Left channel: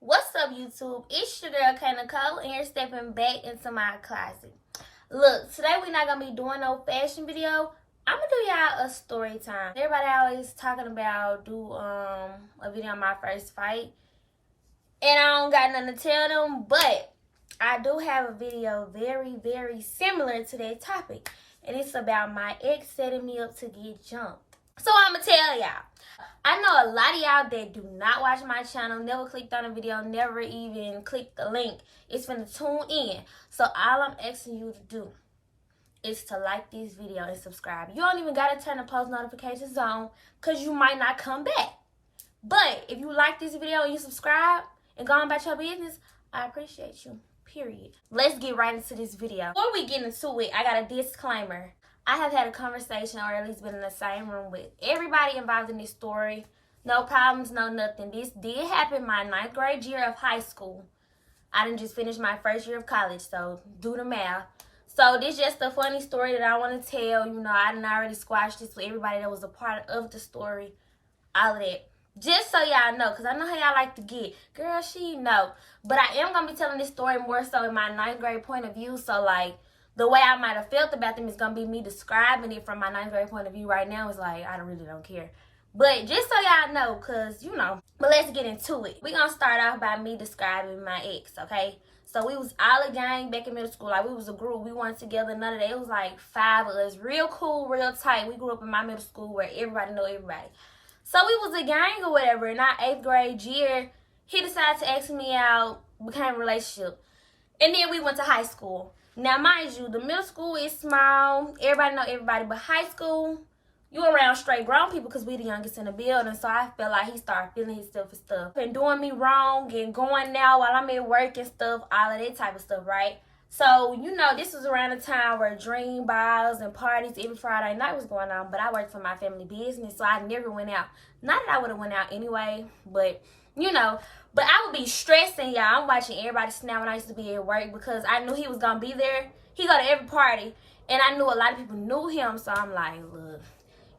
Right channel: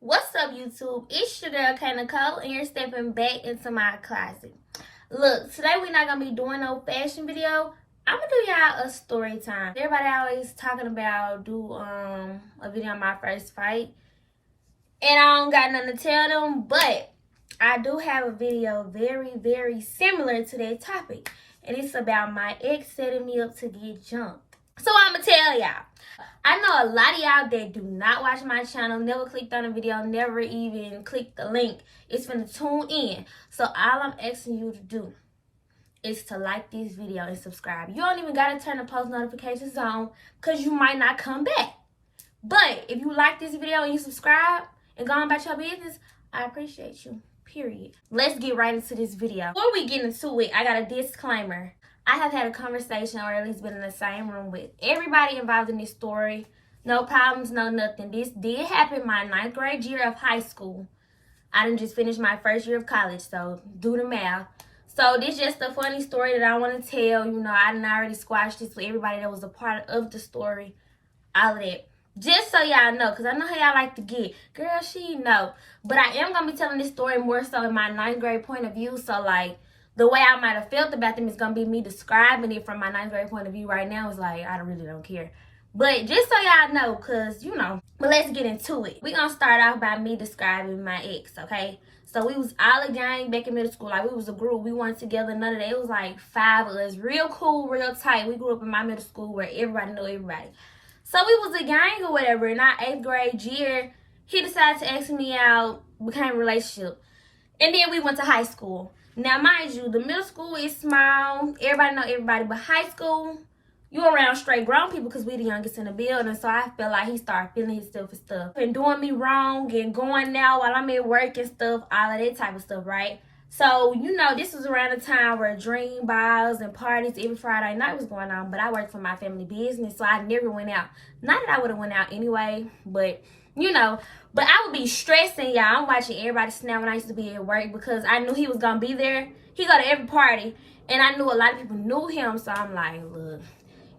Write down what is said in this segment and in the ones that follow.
What's up, YouTube? It's your girl, K Nicole, and you're stepping back into my closet. Look, today we're not going to be doing no fashion video. I'm going to do y'all a story time. Everybody always talking about do a video on my first fight. And I don't got nothing to tell them, but I do have a video very, very similar to that topic. And it's about my ex setting me up to get jumped. So I'm going to tell y'all. I know a lot of y'all that do not watch my channel, never clicked on the video, never even clicked the link. It's finna tune in. So all I'm asking you to do is to like this video and subscribe. You don't even gotta turn the post notifications on because you might not come back. But if you like this video and you subscribe and go on about your business, I appreciate you. Period. Let's get right into this video. Before we get into it, I got a disclaimer. I have had a conversation, or at least been in the same room with everybody involved in this story. No problems, no nothing. This did happen my 9th grade year of high school. I didn't just finish my first year of college, so do the math. So this is just a funny story that I want to tell. You know, I didn't already squash this for everybody that was a part of the story. All of that. Just so y'all know, because I know how y'all like to get. Girl, she know. But I am going to be telling this story more so in my 9th grade point of view. So, like, the way I might have felt about them is going to be me describing it from my 9th grade point of view right now. Is like, I really don't care. But just so y'all know, because, you know. But let's get into it. We're going to start off by me describing my ex, okay? So we was all a gang back in middle school. Like, we was a group. We weren't together, none of that. It was like 5 of us. Real cool, real tight. We grew up in my middle school where everybody know everybody. So we was a gang or whatever. In our 8th grade year, he decided to ask me out, became a relationship. And then we went to high school. Now, mind you, the middle school is small. Everybody know everybody. But high school, you around straight grown people because we the youngest in the building. So I felt like he started feeling himself and stuff. And doing me wrong and going out while I'm at work and stuff. All of that type of stuff, right? So, you know, this was around the time where dream balls and parties every Friday night was going on. But I worked for my family business, so I never went out. Not that I would have went out anyway, but, you know. But I would be stressing, y'all. I'm watching everybody snap when I used to be at work because I knew he was going to be there. He go to every party, and I knew a lot of people knew him. So I'm like, look,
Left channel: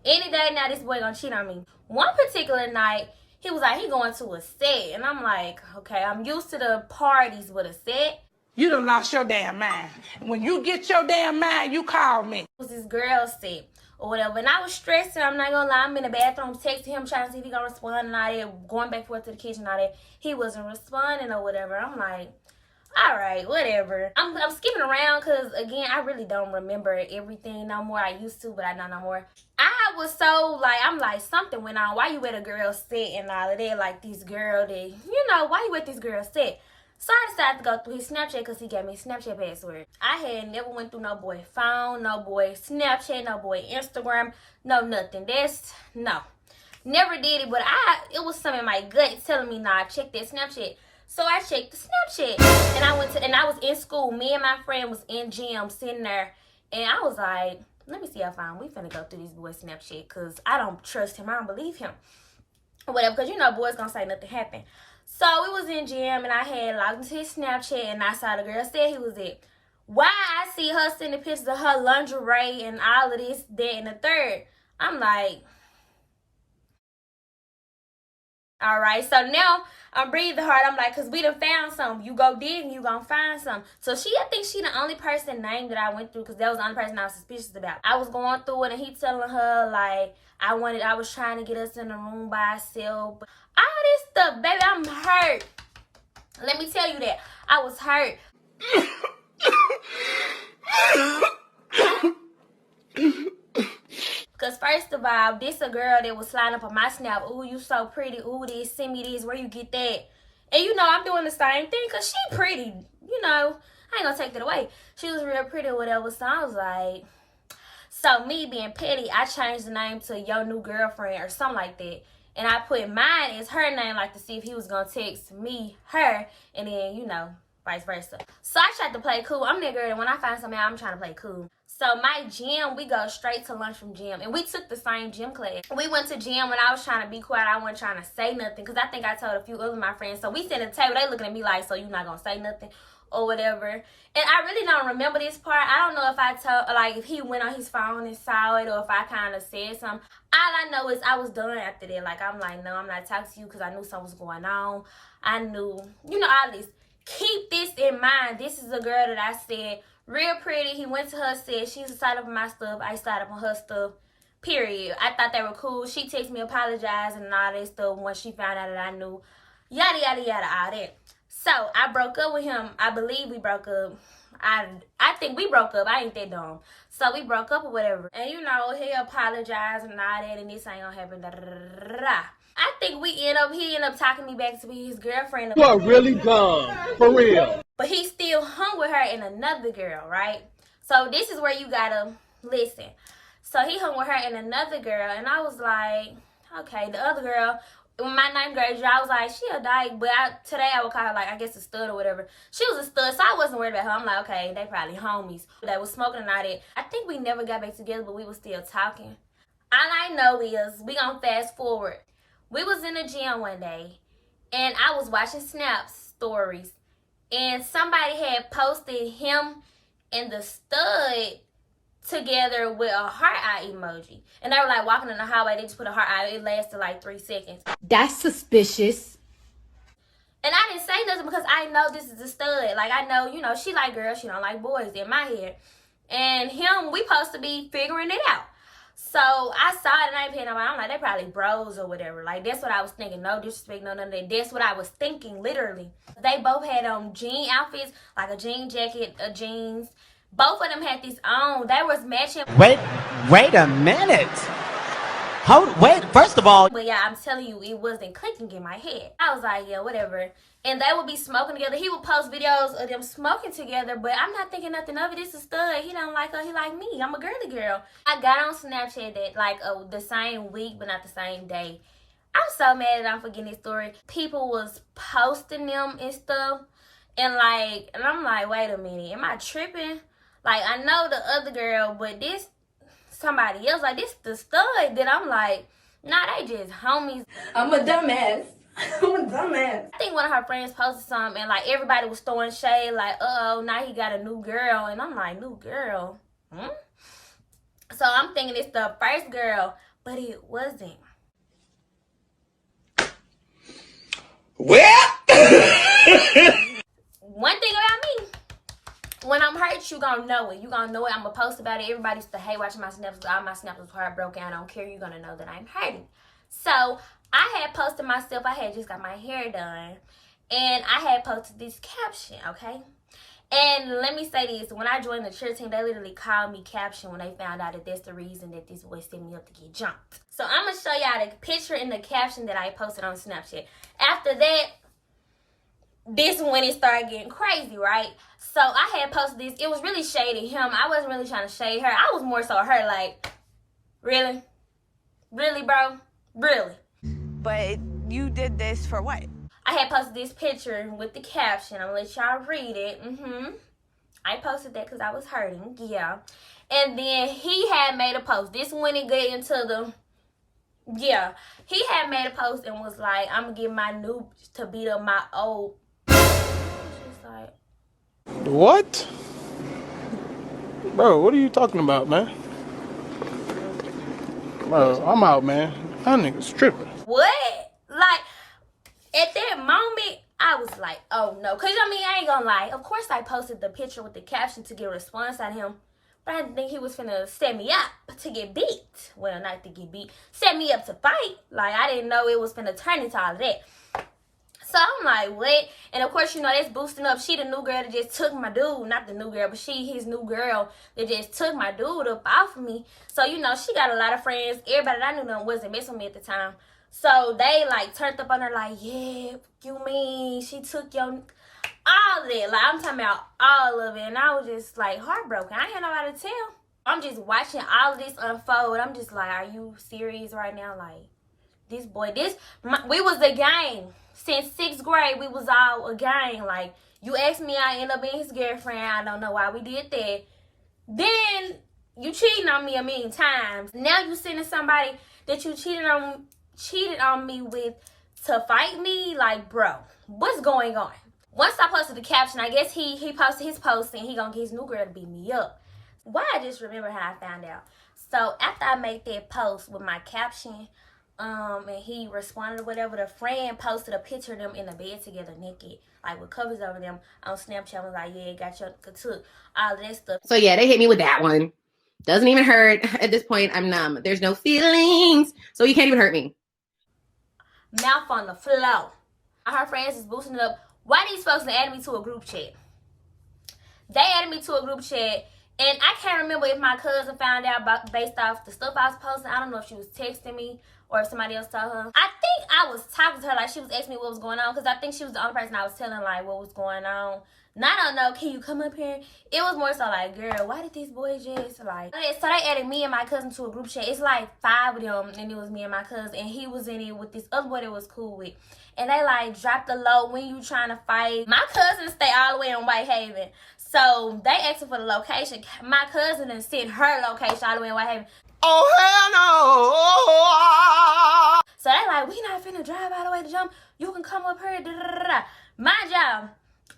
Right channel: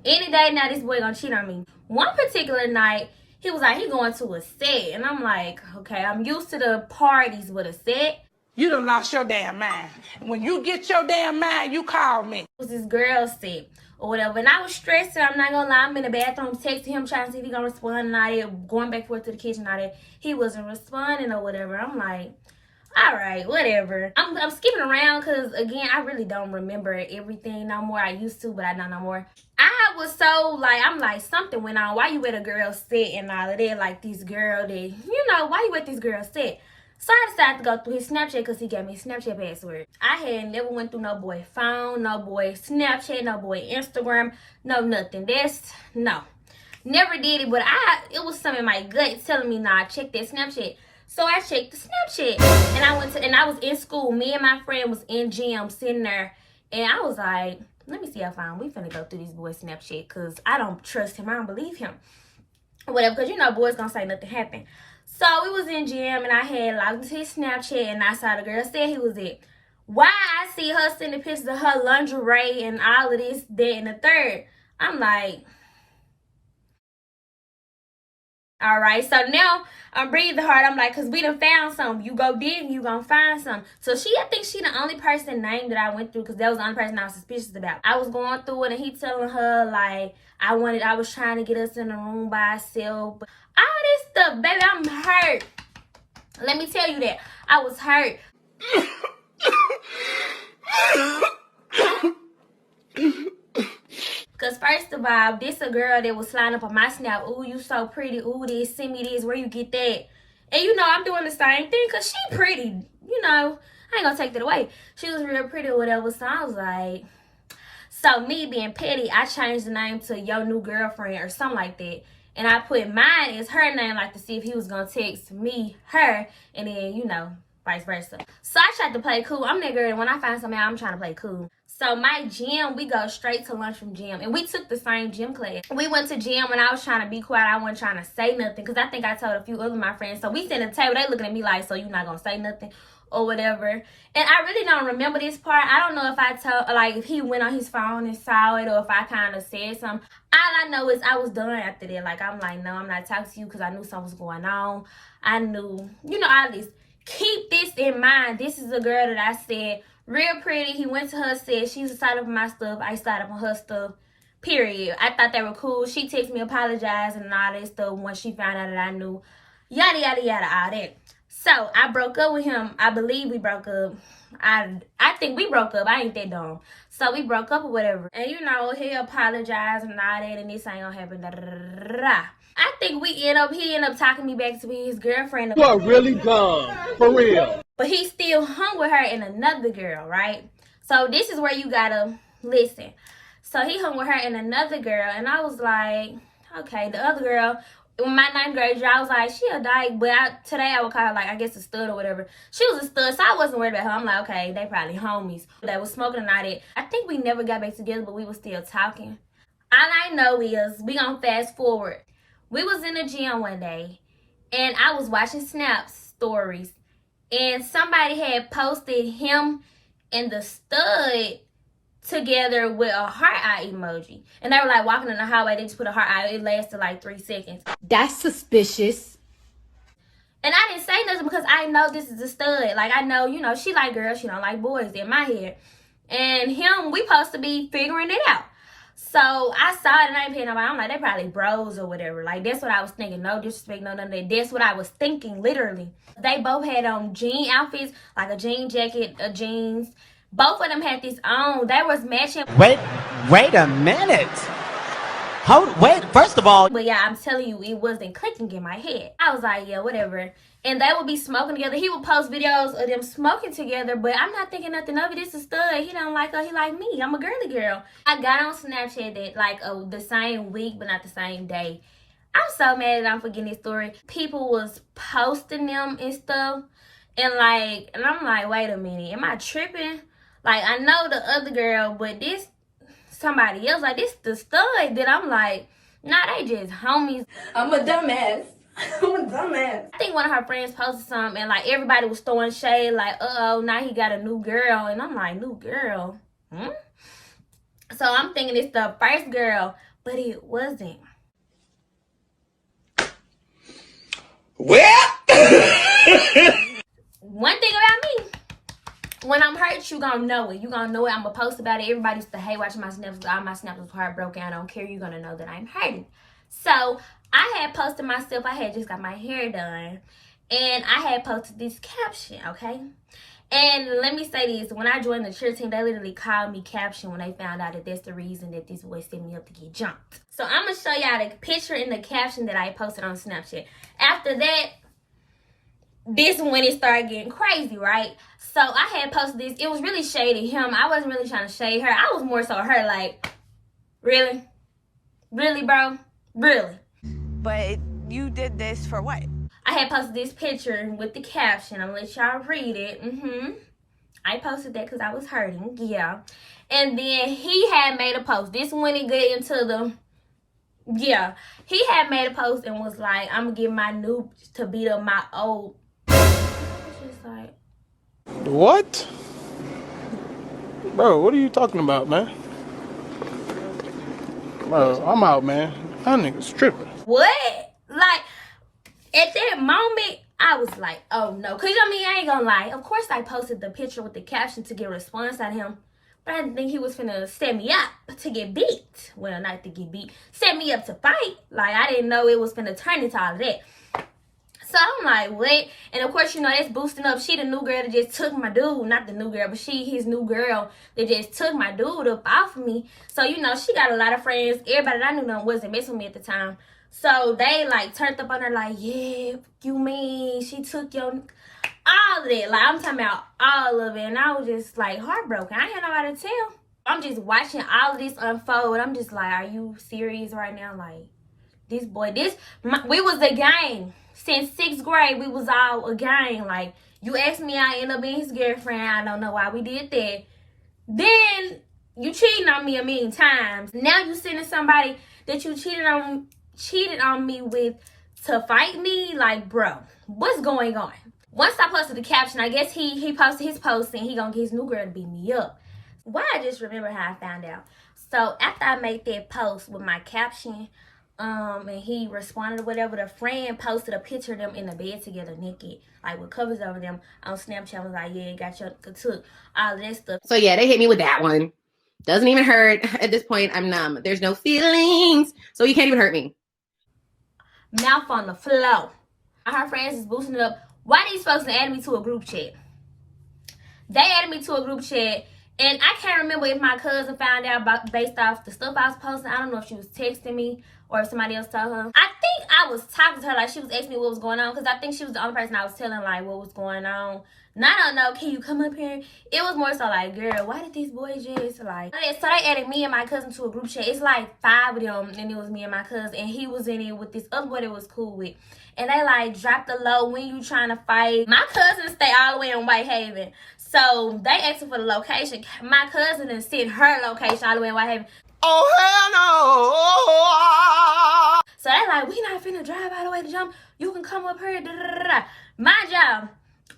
any day now this boy going to cheat on me. One particular night, he was like, he going to a set. And I'm like, okay, I'm used to the parties with a set. You done lost your damn mind. When you get your damn mind, you call me. It was this girl set or whatever. And I was stressing. I'm not going to lie. I'm in the bathroom texting him, trying to see if he going to respond and all that. Going back and forth to the kitchen and all that. He wasn't responding or whatever. I'm like, all right, whatever. I'm skipping around because, again, I really don't remember everything no more. I used to, but I don't no more. I was so, like, I'm like, something went on. Why you at a girl set and all of that? Like, this girl that, you know, why you at this girl set? So I decided to go through his Snapchat because he gave me a Snapchat password. I had never went through no boy phone, no boy Snapchat, no boy Instagram, no nothing. No. Never did it, but it was something in my gut telling me, nah, check that Snapchat. So I checked the Snapchat, and I was in school. Me and my friend was in gym sitting there, and I was like, let me see how far we finna go through this boy's Snapchat because I don't trust him. I don't believe him. Whatever, because you know boys gonna say nothing happened. So we was in gym, and I had logged into his Snapchat, and I saw the girl said he was it. Why I see her sending pictures of her lingerie and all of this, that, and the third. I'm like, all right. So now I'm breathing hard. I'm like, because we done found something. You go dig, you gonna find something. So I think she the only person named that I went through because that was the only person I was suspicious about. I was going through it, and he telling her, like, I was trying to get us in the room by ourselves. All this stuff, baby, I'm hurt. Let me tell you that. I was hurt. Because first of all, this a girl that was sliding up on my Snap. Ooh, you so pretty. Ooh, this, send me this. Where you get that? And you know, I'm doing the same thing because she pretty. You know, I ain't going to take that away. She was real pretty or whatever. So I was like, so me being petty, I changed the name to Your New Girlfriend or something like that. And I put mine as her name, like to see if he was going to text me, her, and then, you know, vice versa. So I tried to play cool. I'm that girl, and when I find something out, I'm trying to play cool. So my gym, we go straight to lunch from gym. And we took the same gym class. We went to gym when I was trying to be quiet. I wasn't trying to say nothing. Because I think I told a few other of my friends. So we sit at the table. They looking at me like, so you not going to say nothing or whatever. And I really don't remember this part. I don't know if I told, like, if he went on his phone and saw it. Or if I kind of said something. All I know is I was done after that. Like, I'm like, no, I'm not talking to you. Because I knew something was going on. I knew, you know, all this. Keep this in mind. This is a girl that I said, real pretty. He went to her, said she used to sign up on my stuff. I signed up on her stuff. Period. I thought they were cool. She texted me apologizing and all that stuff when she found out that I knew. Yada, yada, yada, all that. So, I broke up with him. I believe we broke up. I think we broke up. I ain't that dumb. So, we broke up or whatever. And, you know, he apologized and all that. And this ain't gonna happen. Da, da, da, da, da. I think he ended up talking me back to be his girlfriend. You are really dumb. For real. But he still hung with her and another girl, right? So this is where you gotta listen. So he hung with her and another girl. And I was like, okay, the other girl, in my 9th grade year, I was like, she a dyke. But today I would call her, like, I guess a stud or whatever. She was a stud, so I wasn't worried about her. I'm like, okay, they probably homies. They was smoking and all that. I think we never got back together, but we was still talking. All I know is, we gonna fast forward. We was in the gym one day, and I was watching Snap's stories, and somebody had posted him and the stud together with a heart eye emoji. And they were like walking in the hallway, they just put a heart eye. It lasted like 3 seconds. That's suspicious. And I didn't say nothing because I know this is a stud. Like, I know, you know, she like girls, she don't like boys in my head. And him, we supposed to be figuring it out. So, I saw it and I ain't paying nobody. I'm like, they probably bros or whatever. Like, that's what I was thinking. No disrespect, no none of that. That's what I was thinking, literally. They both had on jean outfits, like a jean jacket, a jeans. Both of them had this on. They was matching. Wait a minute. Wait, first of all. But yeah, I'm telling you, it wasn't clicking in my head. I was like, yeah, whatever. And they would be smoking together. He would post videos of them smoking together, but I'm not thinking nothing of it. This is stud. He don't like her. He like me. I'm a girly girl. I got on Snapchat that like the same week, but not the same day. I'm so mad that I'm forgetting this story. People was posting them and stuff. And I'm like, wait a minute. Am I tripping? Like, I know the other girl, but this somebody else. Like, this the stud that I'm like, nah, they just homies. I'm a dumbass. I'm a dumbass. I think one of her friends posted something and like everybody was throwing shade like, uh-oh, now he got a new girl. And I'm like, new girl? So I'm thinking it's the first girl, but it wasn't. Well. One thing about me, when I'm hurt, you gonna know it. You gonna know it. I'm gonna post about it. Everybody used to hate watching my snaps. All my snaps was heartbroken. I don't care. You're gonna know that I'm hurting. So I had posted myself. I had just got my hair done. And I had posted this caption, okay? And let me say this. When I joined the cheer team, they literally called me Caption when they found out that that's the reason that this boy set me up to get jumped. So I'm going to show y'all the picture and the caption that I posted on Snapchat. After that, this is when it started getting crazy, right? So I had posted this. It was really shady him. I wasn't really trying to shade her. I was more so her like, really? Really, bro? Really? But you did this for what? I had posted this picture with the caption. I'm going to let y'all read it. I posted that because I was hurting. Yeah. And then he had made a post. This when it get into the... Yeah. He had made a post and was like, I'm going to get my new to beat up my old... I was just like... What? Bro, what are you talking about, man? Bro, I'm out, man. That nigga's tripping. What? Like, at that moment, I was like, oh no. Because, I mean, I ain't gonna lie. Of course, I posted the picture with the caption to get a response out of him. But I didn't think he was finna set me up to get beat. Well, not to get beat. Set me up to fight. Like, I didn't know it was finna turn into all of that. So, I'm like, what? And, of course, you know, that's boosting up. She the new girl that just took my dude. Not the new girl, but she his new girl that just took my dude up off of me. So, you know, she got a lot of friends. Everybody that I knew them wasn't messing with me at the time. So, they, like, turned up on her like, yeah, you mean she took your... All of that. Like, I'm talking about all of it. And I was just, like, heartbroken. I ain't had nobody to tell. I'm just watching all of this unfold. I'm just like, are you serious right now? Like, this boy, we was a gang. Since 6th grade, we was all a gang. Like, you asked me, I end up being his girlfriend. I don't know why we did that. Then, You cheating on me a million times. Now you sending somebody that you cheated on me with to fight me? Like, bro, what's going on? Once I posted the caption, I guess he posted his post and he gonna get his new girl to beat me up. Why I just remember how I found out. So after I made that post with my caption, and he responded or whatever, the friend posted a picture of them in the bed together naked, like with covers over them on Snapchat. Was like, yeah, got your took all of that stuff. So yeah, they hit me with that one. Doesn't even hurt. At this point, I'm numb. There's no feelings, so you can't even hurt me. Mouth on the floor. Her friends is boosting it up. Why these folks added me to a group chat? They added me to a group chat, and I can't remember if my cousin found out about based off the stuff I was posting. I don't know if she was texting me or if somebody else told her. I think I was talking to her, like she was asking me what was going on, because I think she was the only person I was telling like what was going on. And I don't know, can you come up here? It was more so like, girl, why did these boys just like... So they added me and my cousin to a group chat. It's like 5 of them, and it was me and my cousin, and he was in it with this other boy that was cool with. And they like dropped the low when you trying to fight. My cousin stay all the way in Whitehaven. So they asked for the location. My cousin and sent her location all the way in Whitehaven. Oh, hell no! So they like, we not finna drive all the way to jump. You can come up here. Da, da, da, da. My job,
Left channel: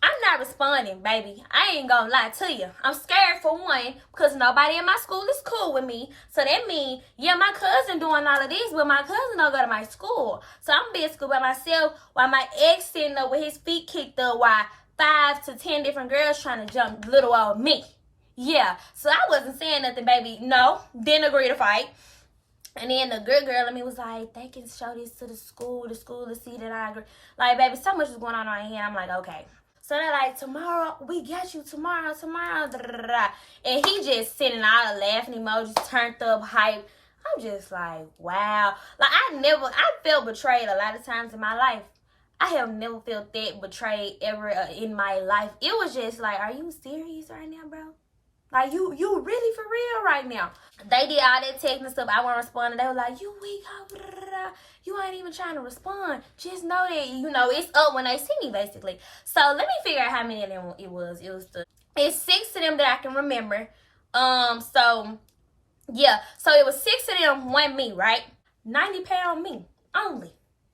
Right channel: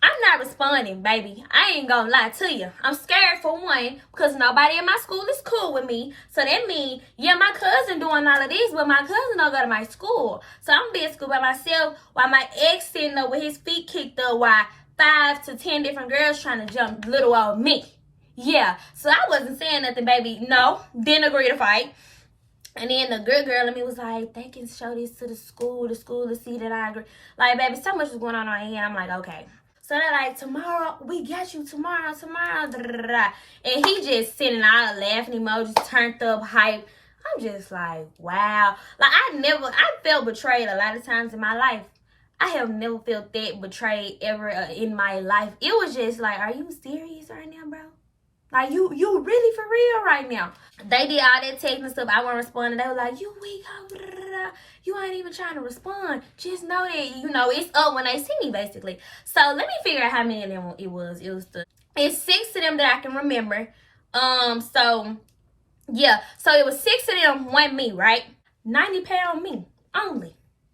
I'm not responding, baby. I ain't gonna lie to you. I'm scared for one, because nobody in my school is cool with me. So that means, yeah, my cousin doing all of this, but my cousin don't go to my school. So I'm gonna be at school by myself while my ex sitting up with his feet kicked up while 5 to 10 different girls trying to jump little old me. Yeah, so I wasn't saying nothing, baby. No, didn't agree to fight. And then the good girl in me was like, they can show this to the school to see that I agree. Like, baby, so much was going on right here. I'm like, okay. So they're like, tomorrow, we got you tomorrow. Da, da, da, da. And he just sending all the laughing emojis, turned up, hype. I'm just like, wow. Like, I felt betrayed a lot of times in my life. I have never felt that betrayed ever in my life. It was just like, are you serious right now, bro? Like, you really for real right now? They did all that texting and stuff. I wasn't responding. They were like, you weak. You ain't even trying to respond. Just know that, you know, it's up when they see me, basically. So let me figure out how many of them it was. It's 6 of them that I can remember. So, yeah. So it was 6 of them, 1 me, right? 90 pound me only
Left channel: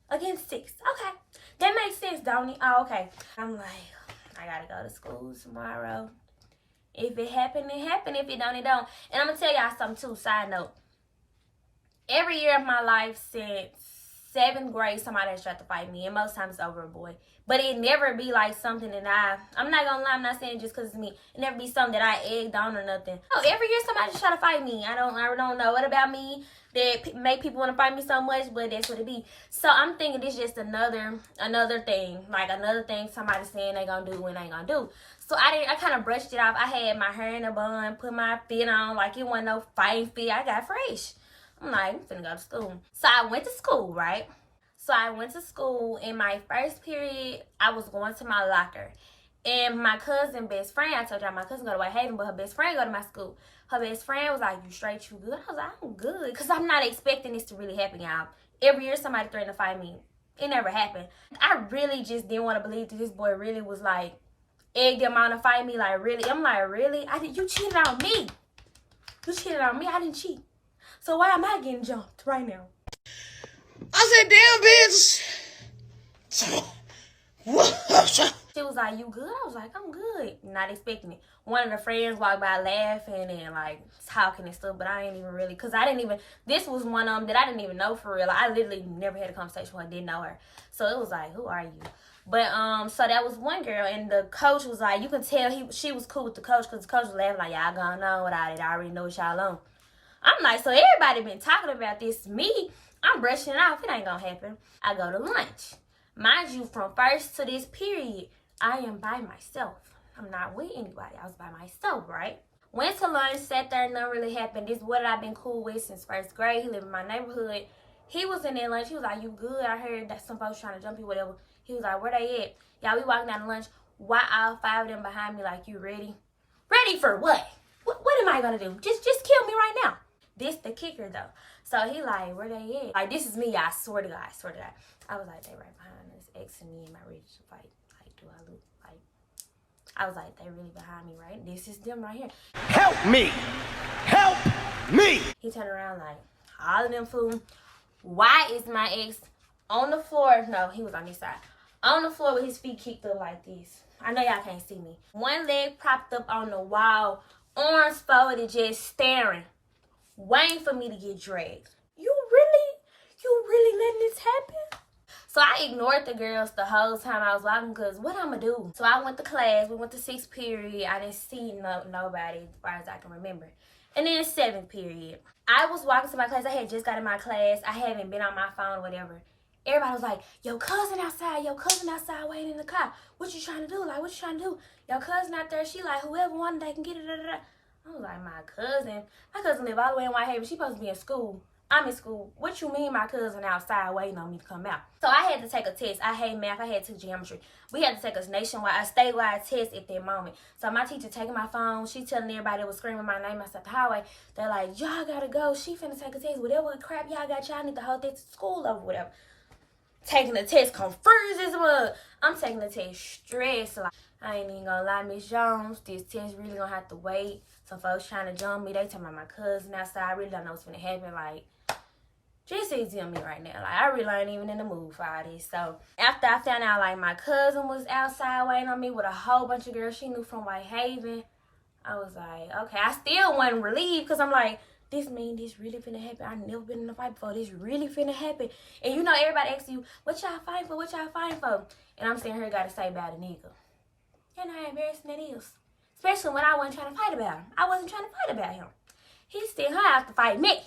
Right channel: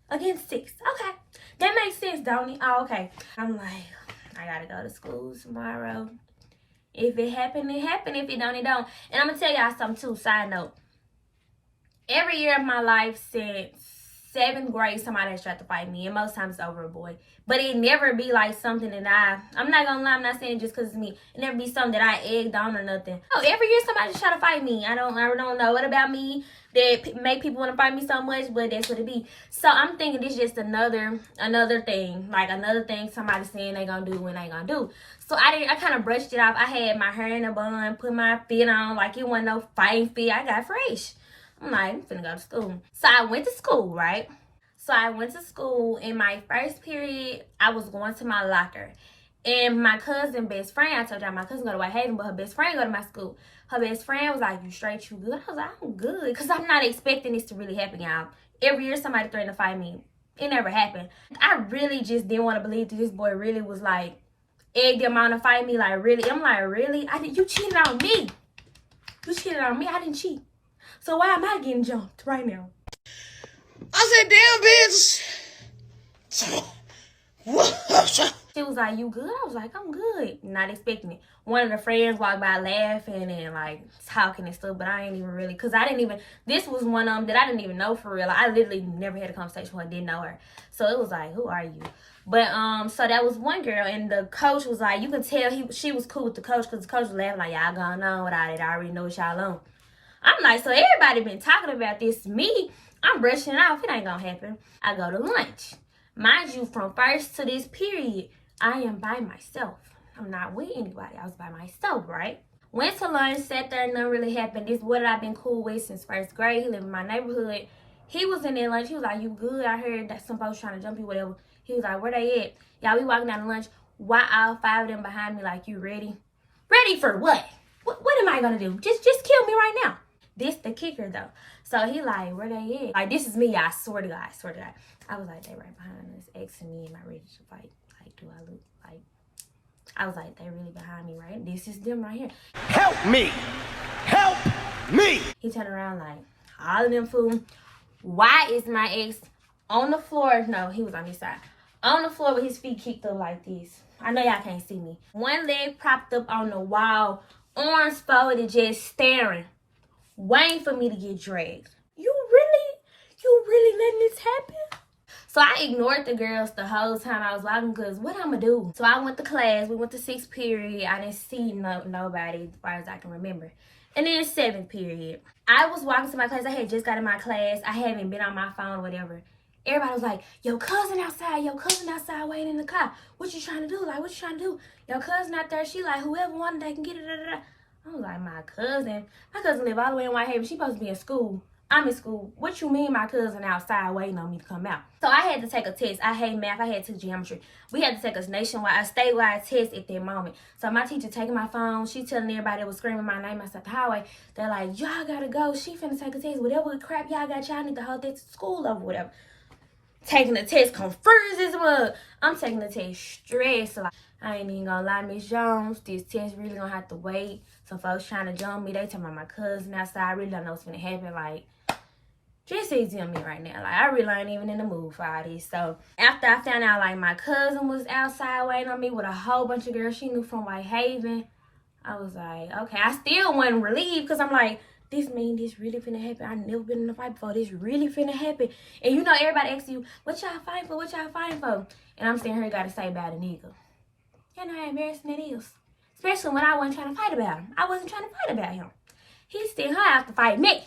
against 6. Okay. That makes sense, don't it? Oh, okay. I'm like, I gotta go to school tomorrow. If it happened, it happened. If it don't, it don't. And I'm going to tell y'all something, too. Side note. Every year of my life since 7th grade, somebody has tried to fight me. And most times it's over a boy. But it never be like something that I'm not going to lie. I'm not saying just because it's me. It never be something that I egged on or nothing. Oh, every year somebody's trying to fight me. I don't know what about me that make people want to fight me so much, but that's what it be. So I'm thinking this is just another thing. Like another thing somebody saying they going to do when they going to do. So I kind of brushed it off. I had my hair in a bun, put my fit on like it wasn't no fighting fit. I got fresh. I'm like, I'm finna go to school. So I went to school, right? So I went to school. In my first period, I was going to my locker. And my cousin best friend, I told y'all my cousin go to Whitehaven, but her best friend go to my school. Her best friend was like, you straight, you good? I was like, I'm good. Because I'm not expecting this to really happen, y'all. Every year somebody threatened to fight me. It never happened. I really just didn't want to believe that this boy really was like, egged him on to fight me. Like, really? I'm like, really? You cheated on me. You cheated on me. I didn't cheat. So why am I getting jumped right now? I said, damn, bitch. She was like, you good? I was like, I'm good. Not expecting it. One of the friends walked by laughing and like talking and stuff, but I ain't even really, because this was one of them that I didn't even know for real. I literally never had a conversation with her, didn't know her. So it was like, who are you? But so that was one girl, and the coach was like, you can tell she was cool with the coach, because the coach was laughing like, y'all going on without it. I already know what y'all on. I'm like, so everybody been talking about this. Me, I'm brushing it off. It ain't gonna happen. I go to lunch. Mind you, from first to this period, I am by myself. I'm not with anybody. I was by myself, right? Went to lunch, sat there, nothing really happened. This is what I've been cool with since 1st grade. He lived in my neighborhood. He was in there lunch. He was like, you good? I heard that some folks trying to jump you, whatever. He was like, where they at? Y'all, we walking down to lunch. Why all 5 of them behind me like, you ready? Ready for what? What am I gonna do? Just kill me right now. This the kicker though. So he like, where they at? Like, this is me, I swear to God, I swear to God. I was like, they right behind us, asking me, am I ready to fight? Like, do I look like? I was like, they really behind me, right? This is them right here. Help me! Help me! He turned around like, all of them fool. Why is my ex on the floor? No, he was on this side. On the floor with his feet kicked up like this. I know y'all can't see me. One leg propped up on the wall, arms folded, just staring, waiting for me to get dragged. You really letting this happen? So I ignored the girls the whole time I was walking because what I'ma do? So I went to class. We went to 6th period. I didn't see nobody as far as I can remember. And then 7th period. I was walking to my class. I had just got in my class. I haven't been on my phone or whatever. Everybody was like, your cousin outside waiting in the car. What you trying to do? Like, what you trying to do? Your cousin out there, she like, whoever wanted, they can get it. Da, da, da. I was like, my cousin? My cousin live all the way in Whitehaven. She supposed to be in school. I'm in school. What you mean my cousin outside waiting on me to come out? So I had to take a test. I hate math. I had to geometry. We had to take a statewide test at that moment. So my teacher taking my phone. She telling everybody that was screaming my name outside the highway. They're like, y'all gotta go. She finna take a test. Whatever crap y'all got, y'all need to hold that to school over whatever. Taking the test confused as well. I'm taking the test stressed. Like, I ain't even gonna lie, Miss Jones. This test really gonna have to wait. Some folks trying to jump me. They talking about my cousin outside. I really don't know what's gonna happen. Like, just easy on me right now. Like, I really ain't even in the mood for all this. So, after I found out, like, my cousin was outside waiting on me with a whole bunch of girls she knew from Whitehaven, I was like, okay. I still wasn't relieved because I'm like, this mean this really finna happen. I never been in a fight before. This really finna happen. And you know, everybody asks you, what y'all fighting for? What y'all fighting for? And I'm sitting here gotta say about a nigga. You know how embarrassing it is. Especially when I wasn't trying to fight about him. I wasn't trying to fight about him. He still had to fight me.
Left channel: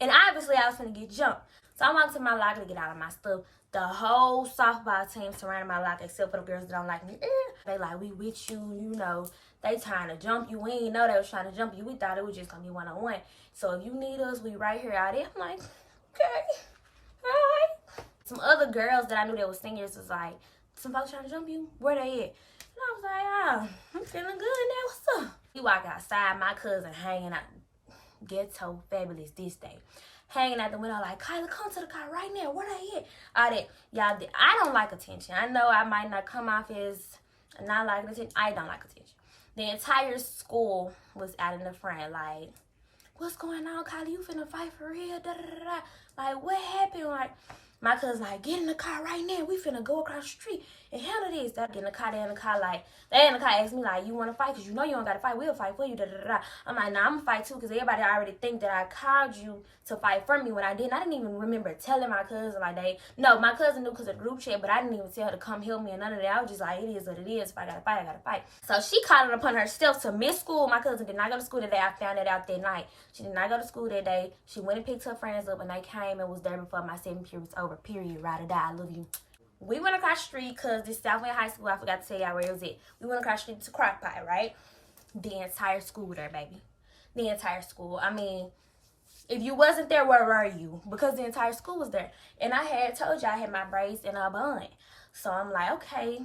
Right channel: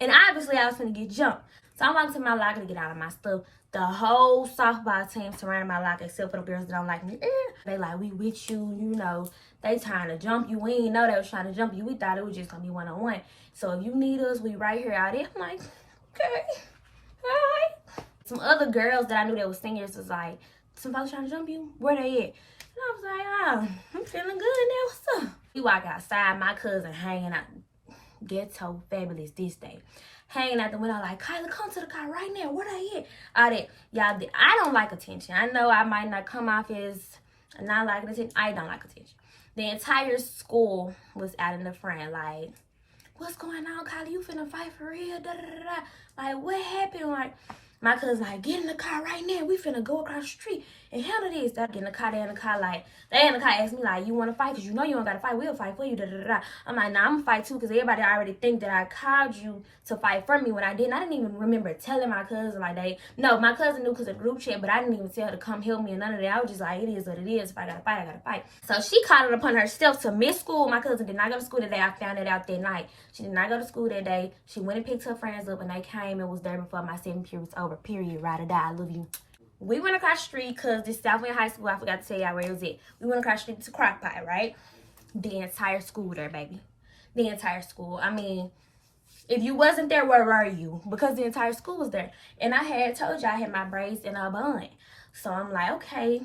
And obviously, I was finna get jumped. So I walked to my locker to get out of my stuff. The whole softball team surrounded my locker except for the girls that don't like me. They like, we with you, you know. They trying to jump you. We didn't know they was trying to jump you. We thought it was just gonna be one-on-one. So if you need us, we right here out there. I'm like, okay, all right. Some other girls that I knew that was singers was like, some folks trying to jump you? Where they at? And I was like, oh, I'm feeling good now. What's up? We walk outside, my cousin hanging out. Ghetto fabulous this day. Hanging out the window like, Kyla, come to the car right now. Where they at? All that. Y'all, I don't like attention. I know I might not come off as not liking attention. I don't like attention. The entire school was out in the front like, what's going on, Kyla? You finna fight for real? Da, da, da, da. Like, what happened? Like, my cousin like, get in the car right now. We finna go across the street and handle this. They get in the car, they in the car like, they in the car ask me like, you wanna fight? Cause you know you don't gotta fight. We'll fight for you. Da, da, da, da. I'm like, nah, I'm gonna fight too. Cause everybody already think that I called you to fight for me when I didn't. I didn't even remember telling my cousin like no, my cousin knew cause of the group chat, but I didn't even tell her to come help me and none of that. I was just like, it is what it is. If I gotta fight, I gotta fight. So she called it upon herself to miss school. My cousin did not go to school that day. I found it out that night. She did not go to school that day. She went and picked her friends up and they came and was there before my 7th period was over. Period. Ride or die. I love you. We went across the street because this Southwind High School, I forgot to tell y'all where it was at. We went across the street to Crockpot, right? The entire school there, baby. The entire school. I mean, if you wasn't there, where were you? Because the entire school was there. And I had told you I had my braids in a bun. So I'm like, okay,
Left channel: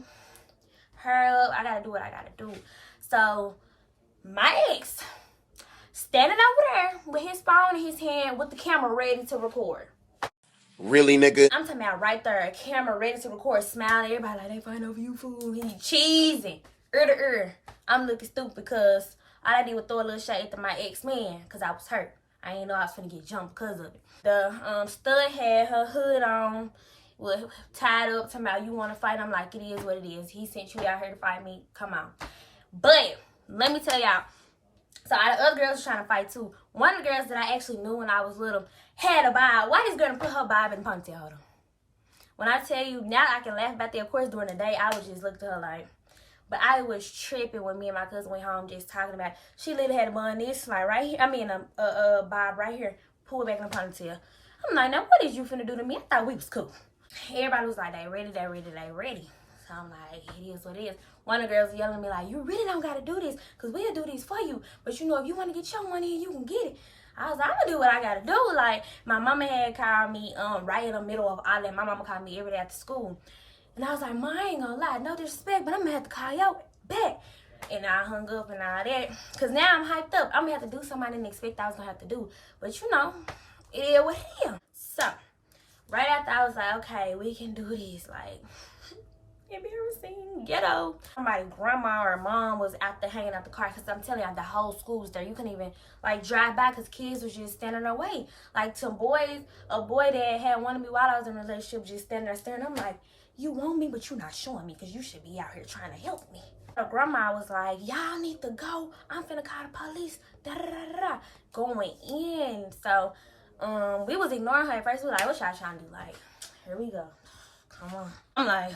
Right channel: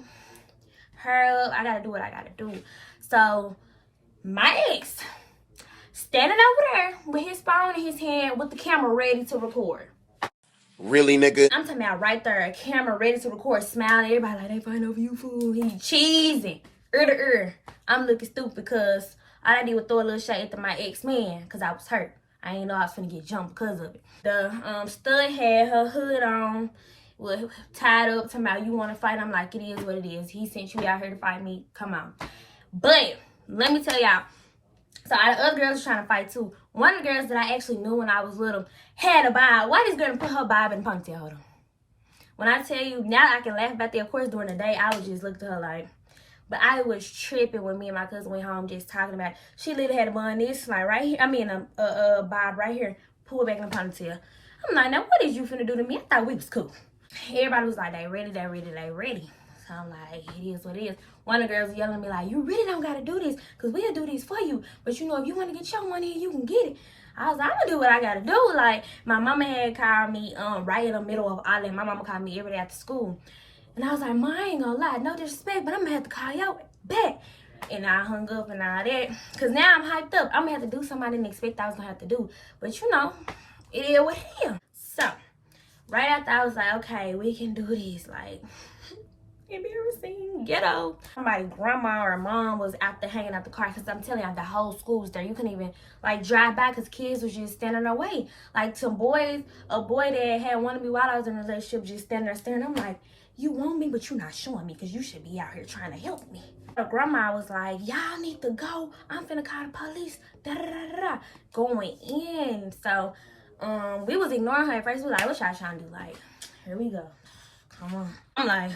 hurry up. I got to do what I got to do. So my ex standing over there with his phone in his hand with the camera ready to record. Really, nigga? I'm talking about right there, a camera ready to record, smiling. Everybody like, they fighting over you, fool. He cheesing, ear to ear. I'm looking stupid because all I did was throw a little shot at my ex-man because I was hurt. I didn't know I was finna get jumped because of it. The stud had her hood on, was tied up, talking about, you want to fight? I'm like, it is what it is. He sent you out here to fight me. Come on. But let me tell y'all. So all the other girls was trying to fight too. One of the girls that I actually knew when I was little had a bob. Why this girl put her bob in the ponytail? Hold on. When I tell you, now I can laugh about that. Of course, during the day, I would just look to her like, but I was tripping when me and my cousin went home just talking about it. She literally had a bun this, like right here. I mean, a bob right here. Pull it back in the ponytail. I'm like, now what is you finna do to me? I thought we was cool. Everybody was like, they ready, they ready, they ready. So I'm like, it is what it is. One of the girls was yelling at me like, you really don't got to do this because we'll do this for you. But, you know, if you want to get your money, you can get it. I was like, I'm going to do what I got to do. Like, my mama had called me right in the middle of all that. My mama called me every day after school. And I was like, Ma, I ain't going to lie. No disrespect, but I'm going to have to call you back. And I hung up and all that. Because now I'm hyped up. I'm going to have to do something I didn't expect I was going to have to do. But, you know, it is what it is. So, right after I was like, okay, we can do this. Like, embarrassing, ghetto. Somebody, grandma or mom was out there hanging out the car, because I'm telling you, the whole school was there. You couldn't even like drive by because kids was just standing in their way. Like to boys, a boy that had wanted me while I was in a relationship just standing there staring. I'm like, you want me, but you're not showing me, because you should be out here trying to help me. The grandma was like, y'all need to go. I'm finna call the police. Da da da da. Going in. So we was ignoring her at first. We was like, what y'all trying to do? Like, here we go. Come on. I'm like,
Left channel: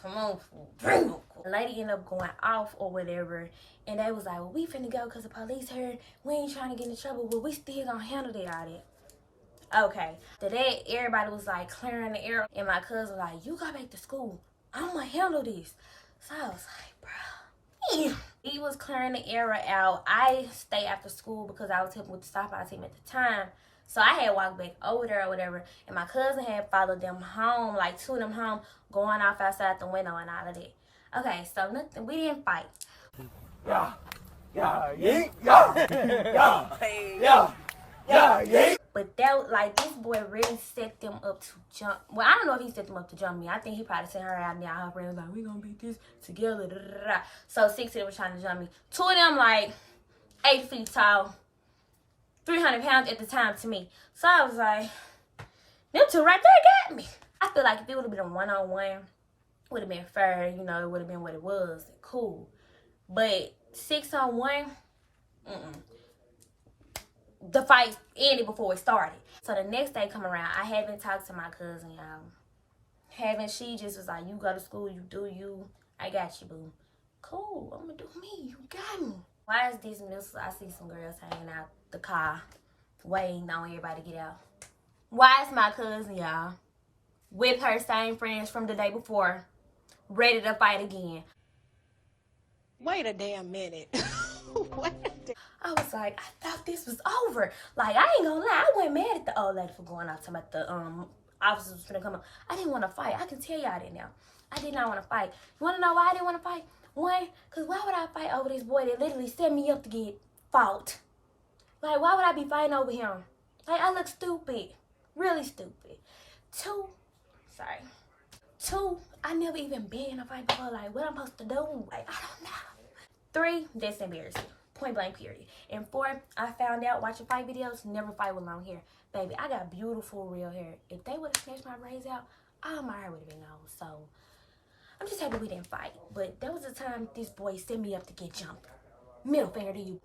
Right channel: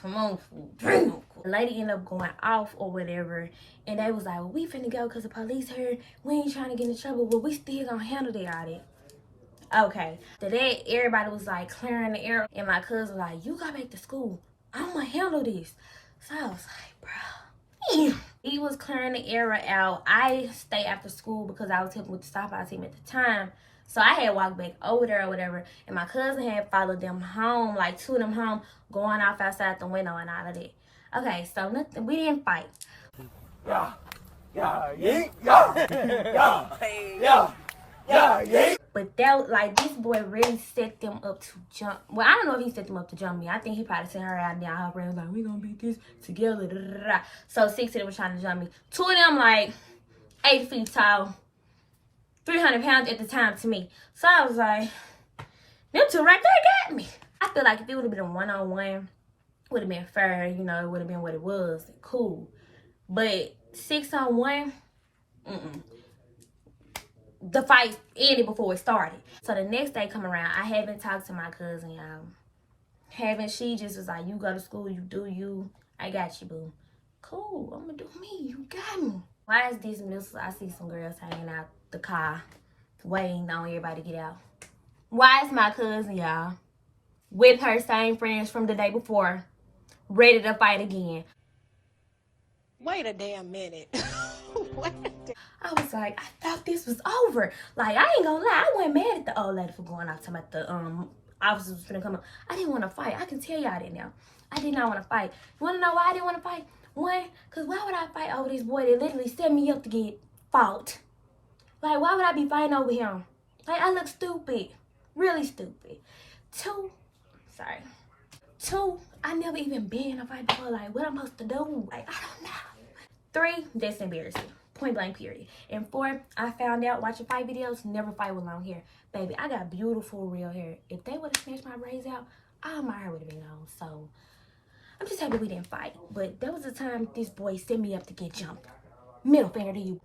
come on, fool. The lady ended up going off or whatever. And they was like, well, we finna go because the police heard. We ain't trying to get in trouble, but we still gonna handle that audit. Okay. After that, everybody was like clearing the air. And my cousin was like, you go back to school. I'm gonna handle this. So I was like, bro. He was clearing the area out. I stayed after school because I was helping with the softball team at the time. So I had walked back over there or whatever. And my cousin had followed them home, like two of them home, going off outside the window and all of that. Okay, so nothing, we didn't fight. But that was like, this boy really set them up to jump. Well, I don't know if he set them up to jump me. I think he probably sent her out there. Her friend was like, we gonna beat this together. Da, da, da. So 6 of them was trying to jump me. 2 of them like 8 feet tall, 300 pounds at the time to me. So I was like, them 2 right there got me. I feel like if it would have been a one-on-one, would have been fair, you know, it would have been what it was, cool. But 6-on-1, the fight ended before it started. So the next day come around, I haven't talked to my cousin, y'all. She just was like, you go to school, you do you, I got you, boo. Cool, I'm gonna do me, you got me. Why is dismissal? I see some girls hanging out the car, waiting on everybody to get out. Why is my cousin, y'all, with her same friends from the day before, ready to fight again? Wait a damn minute. I was like, I thought this was over. Like, I ain't gonna lie, I wasn't mad at the old lady for going out talking about the officers was gonna come up. I didn't want to fight. I can tell y'all that now. I did not want to fight. You wanna know why I didn't want to fight? One, because why would I fight over this boy that literally set me up to get fought? Like, why would I be fighting over him? Like, I look stupid. Really stupid. 2, I never even been in a fight before. Like, what I'm supposed to do? Like, I don't know. 3, that's embarrassing. Point blank, period. And 4, I found out watching fight videos, never fight with long hair. Baby, I got beautiful real hair. If they would have snatched my braids out, all my hair would have been gone. So, I'm just happy we didn't fight. But that was the time this boy set me up to get jumped. Middle finger to you.